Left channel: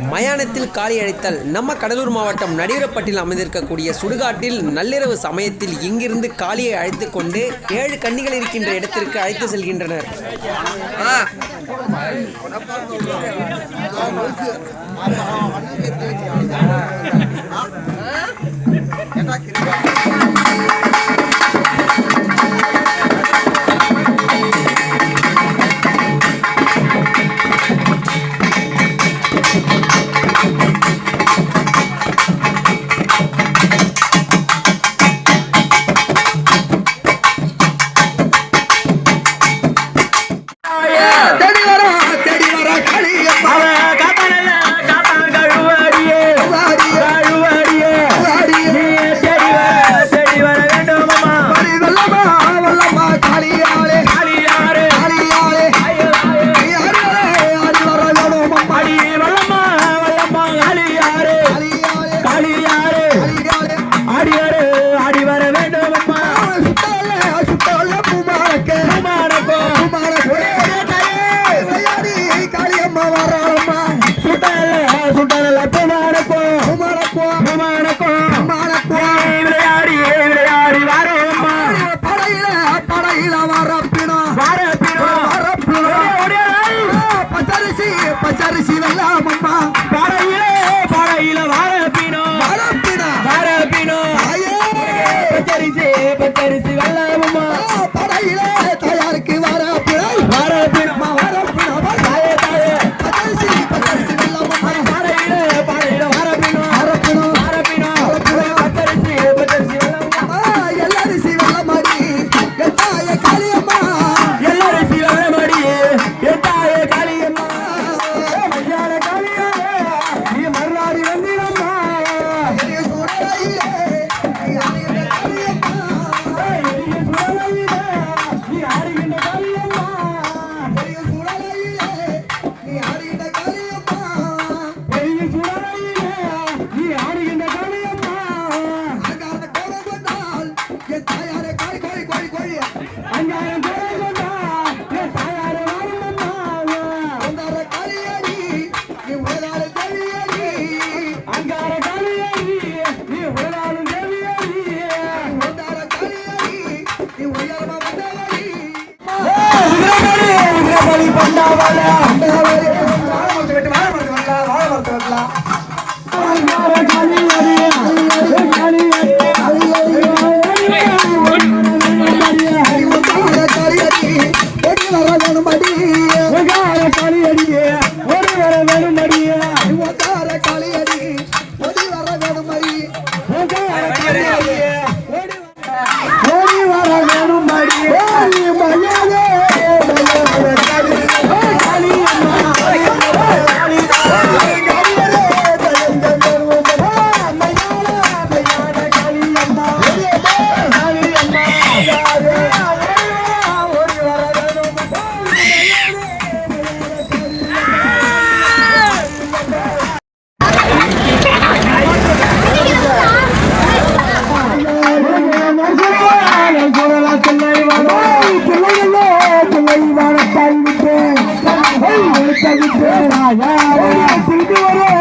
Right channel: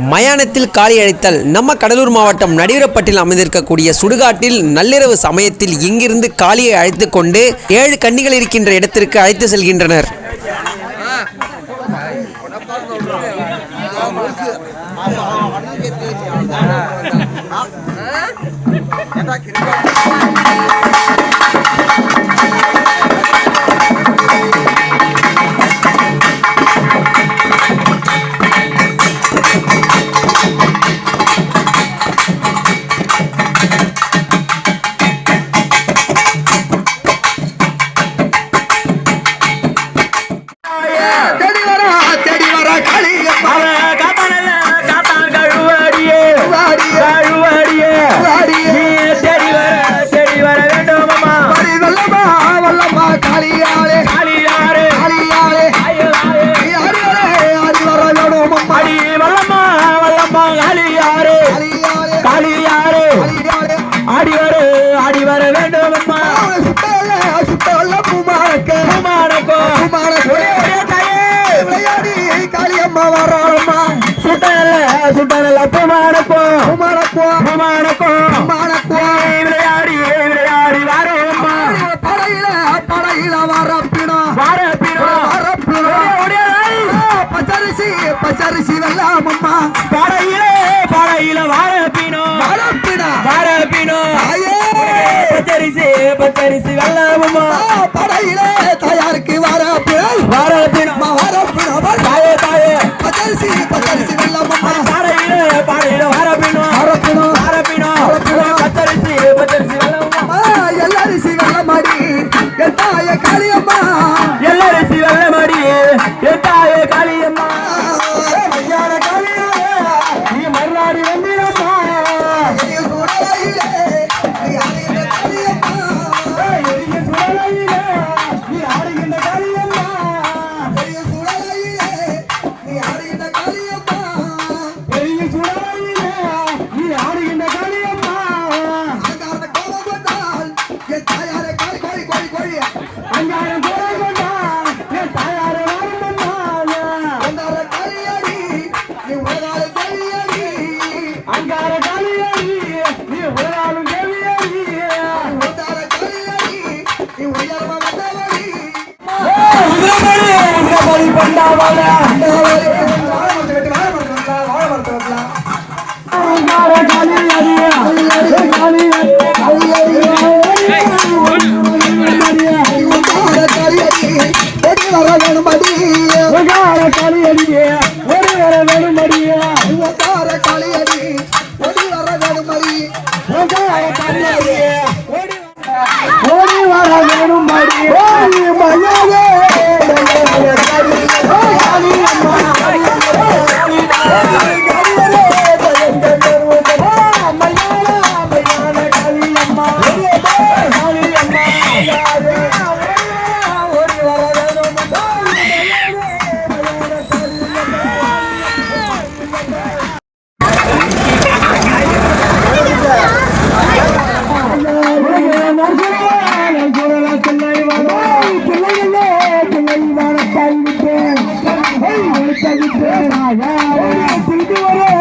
மயானத்தில் காலை அழைத்தல். நம்ம கடலூர் மாவட்டம் நடிகரப்பட்டில் அமைந்திருக்கக்கூடிய சுடுகாட்டில் நள்ளிரவு சமயத்தில் இங்கிருந்து காளியை அழைத்து கொண்டு ஏழு கன்னிகள் இருக்கின்ற இடத்திற்கு அழைத்து செல்கின்றனர். சுடல பொமாடப்போ பொமாடப்போ பொமாடப்போ பொமாடப்போ விளையாடி விளையாடி வரோம்மா படையில படையில வரப்பினோ வரப்பினோ வரப்பினோ பச்சரிசி பச்சரிசி வெள்ளாமம்மா படையில படையில வரப்பினோ வரப்பினோ வரப்பினோ உதிரபடி உதிரபடி பண்ணாவால கண்களை வளர்த்தறிவிப்பேன் திரும்பி வரும்